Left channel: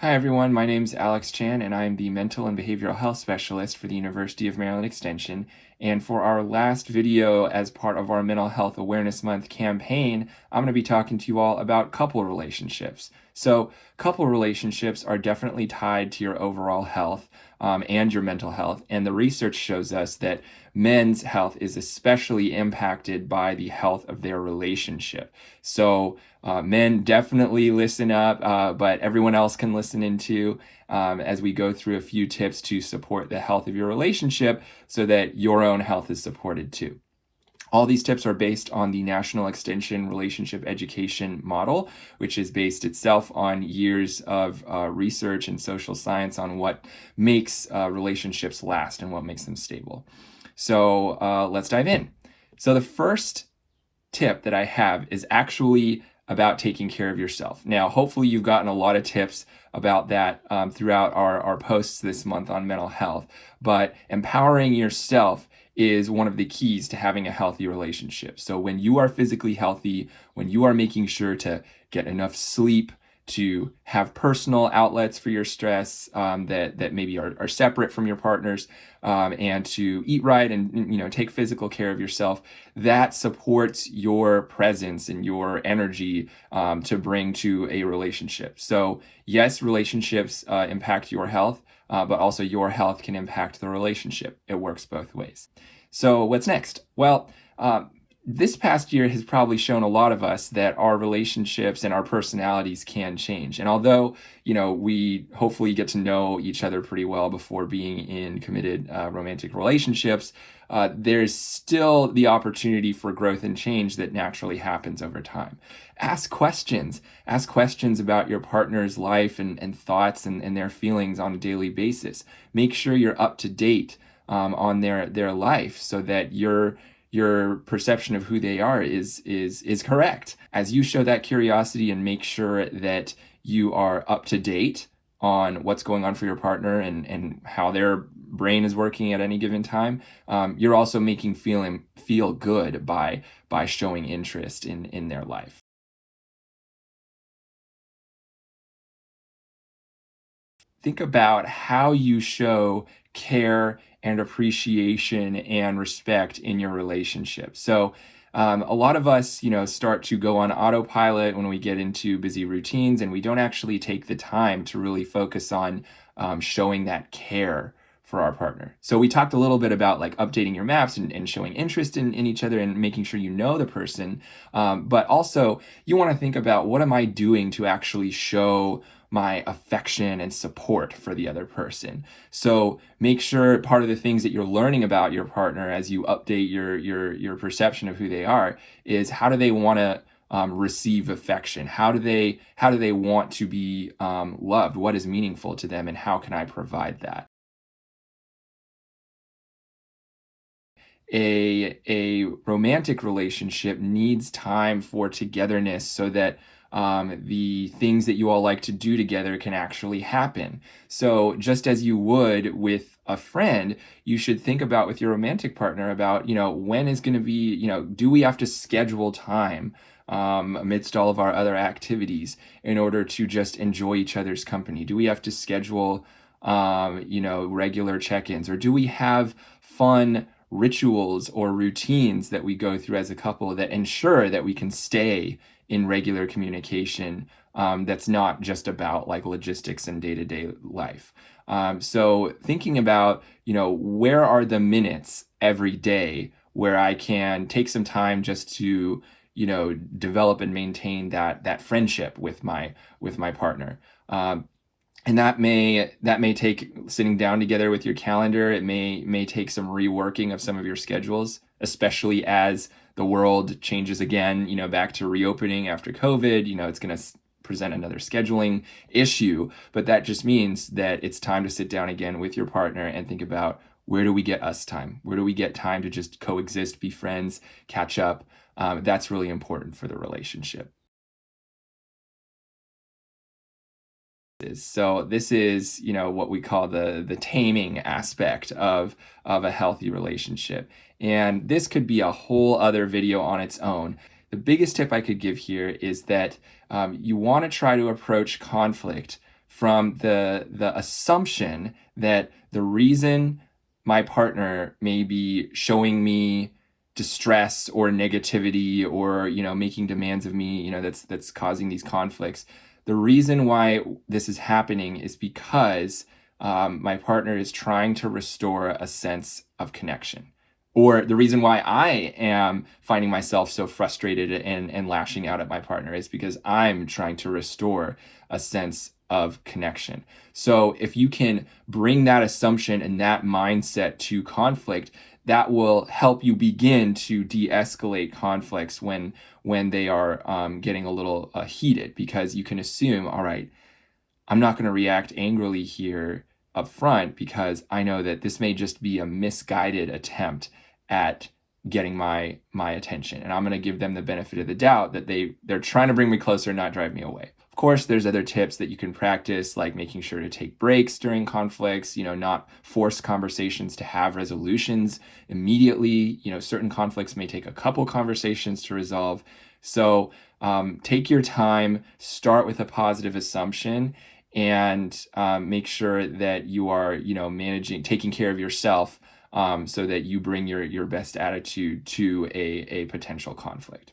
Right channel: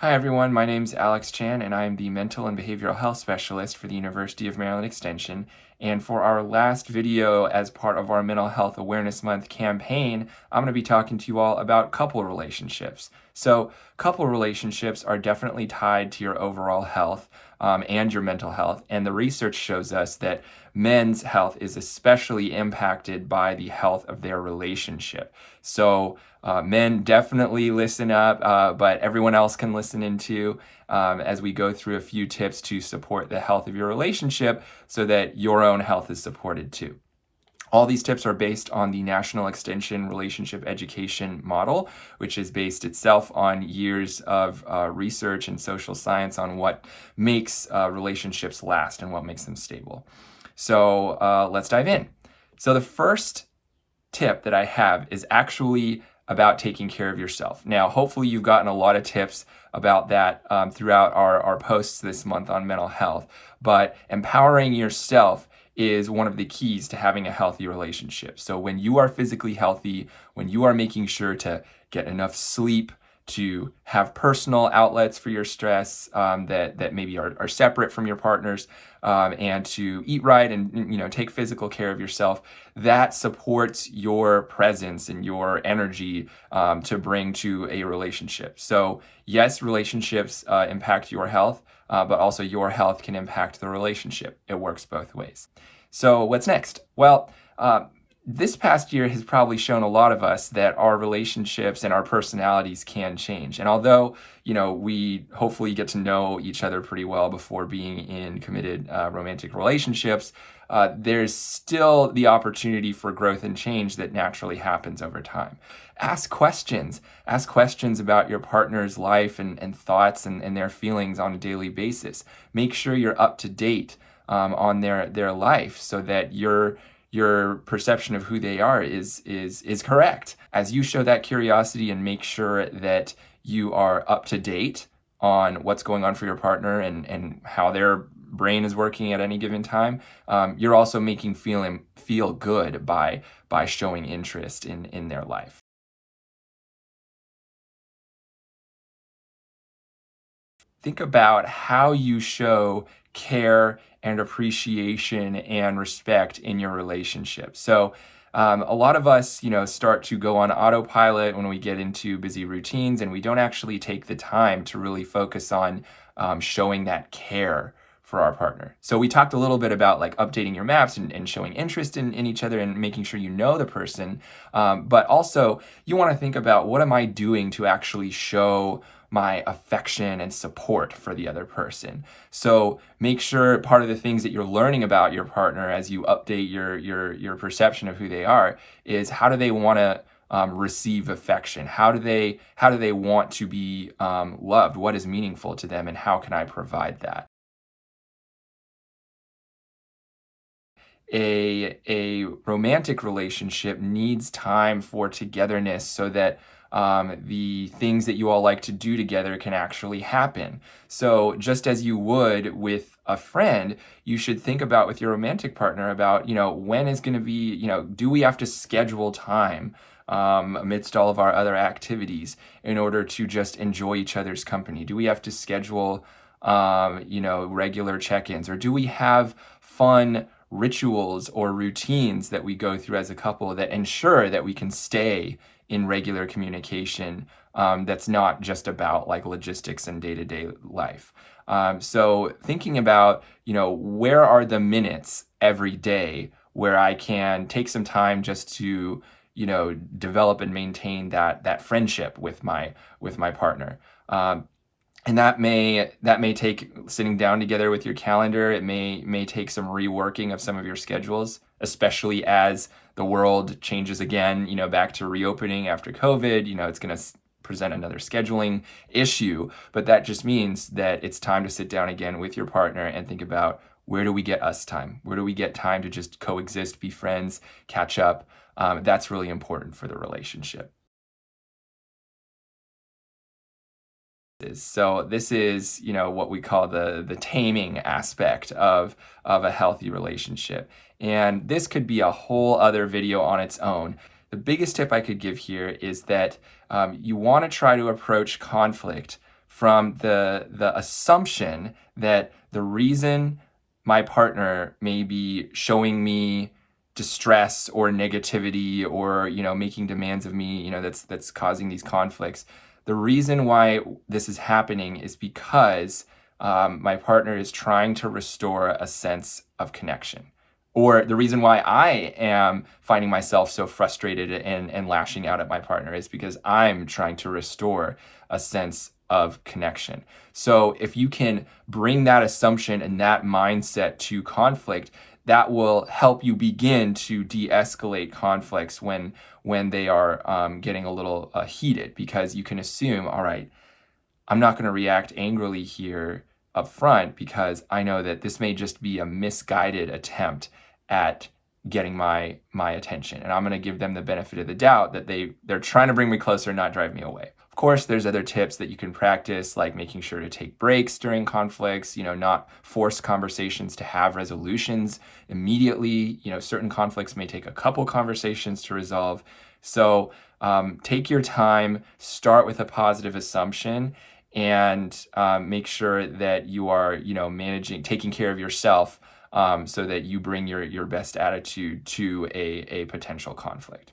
Hi everyone, my name's Alex Chan and I am the Mental and Behavioral Health Specialist for the University of Maryland Extension. And for our last video as part of our Mental Health Awareness Month campaign, I'm going to be talking to you all about couple relationships. So couple relationships are definitely tied to your overall health and your mental health. And the research shows us that men's health is especially impacted by the health of their relationship. So men definitely listen up, but everyone else can listen in too as we go through a few tips to support the health of your relationship so that your own health is supported too. All these tips are based on the National Extension Relationship Education Model, which is based itself on years of research and social science on what makes relationships last and what makes them stable. So let's dive in. So the first tip that I have is actually about taking care of yourself. Now, hopefully you've gotten a lot of tips about that throughout our posts this month on mental health, but empowering yourself is one of the keys to having a healthy relationship. So when you are physically healthy, when you are making sure to get enough sleep, to have personal outlets for your stress that maybe are separate from your partner's, and to eat right and take physical care of yourself, that supports your presence and your energy to bring to a relationship. So yes, relationships impact your health, but also your health can impact the relationship. It works both ways. So what's next? Well, this past year has probably shown a lot of us that our relationships and our personalities can change. And although, we hopefully get to know each other pretty well before being in committed romantic relationships, there's still the opportunity for growth and change that naturally happens over time. Ask questions. Ask questions about your partner's life and thoughts and their feelings on a daily basis. Make sure you're up to date on their life so that your perception of who they are is correct. As you show that curiosity and make sure that you are up to date on what's going on for your partner and how their brain is working at any given time, you're also making feel good by showing interest in their life. Think about how you show care and appreciation and respect in your relationship. So a lot of us, start to go on autopilot when we get into busy routines, and we don't actually take the time to really focus on showing that care for our partner. So we talked a little bit about like updating your maps and showing interest in each other and making sure you know the person. But also you want to think about, what am I doing to actually show my affection and support for the other person? So make sure part of the things that you're learning about your partner as you update your perception of who they are is, how do they want to receive affection? How do they want to be loved? What is meaningful to them, and how can I provide that? A romantic relationship needs time for togetherness so that the things that you all like to do together can actually happen. So just as you would with a friend, you should think about with your romantic partner about, when is going to be, do we have to schedule time amidst all of our other activities in order to just enjoy each other's company? Do we have to schedule, regular check-ins, or do we have fun rituals or routines that we go through as a couple that ensure that we can stay in regular communication that's not just about like logistics and day-to-day life? So thinking about, where are the minutes every day where I can take some time just to, develop and maintain that friendship with my partner. And that may take sitting down together with your calendar. It may take some reworking of some of your schedules, especially as the world changes again, back to reopening after COVID. It's going to present another scheduling issue, but that just means that it's time to sit down again with your partner and think about, where do we get us time? Where do we get time to just coexist, be friends, catch up? That's really important for the relationship. So this is, what we call the taming aspect of a healthy relationship. And this could be a whole other video on its own. The biggest tip I could give here is that you want to try to approach conflict from the assumption that the reason my partner may be showing me distress or negativity or making demands of me that's causing these conflicts, the reason why this is happening is because my partner is trying to restore a sense of connection. Or the reason why I am finding myself so frustrated and lashing out at my partner is because I'm trying to restore a sense of connection. So if you can bring that assumption and that mindset to conflict, that will help you begin to de-escalate conflicts when they are getting a little heated, because you can assume, all right, I'm not going to react angrily here up front because I know that this may just be a misguided attempt at getting my attention, and I'm going to give them the benefit of the doubt that they're trying to bring me closer, not drive me away. Of course, there's other tips that you can practice, like making sure to take breaks during conflicts, not force conversations to have resolutions immediately. Certain conflicts may take a couple conversations to resolve. So take your time, start with a positive assumption, and make sure that you are, taking care of yourself so that you bring your best attitude to a potential conflict.